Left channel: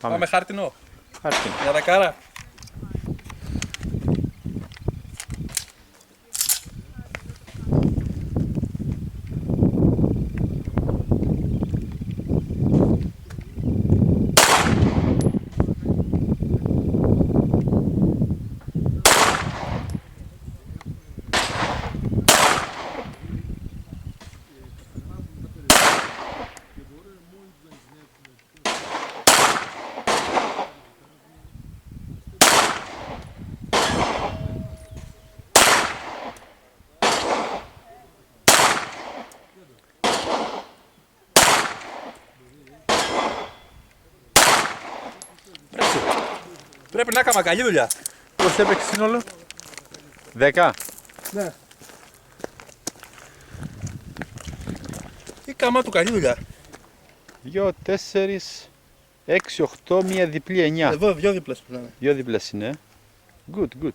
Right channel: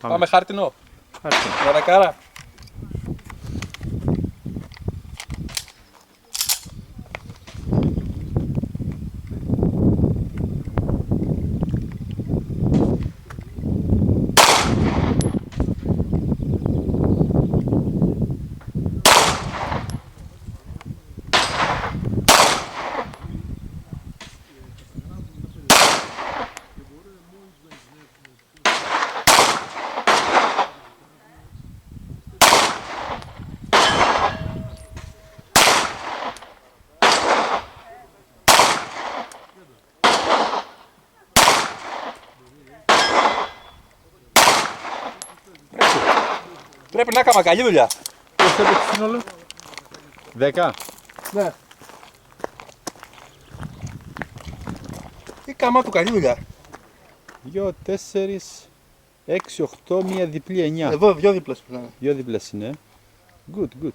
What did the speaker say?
Πάμε χάρτινο. Χάρτινο. Δωρακάρα. Πρέπει να έκανα καλή δουλειά. Πώς έπαιξε σύνολο? 10. Ναι. Η κάμα του καλή δουλειά. 2, 4, 6, 8, μία διπλή 9. Εδώ 2 δίπλες πρέπει να είναι. 2 διπλές είναι. Good, good.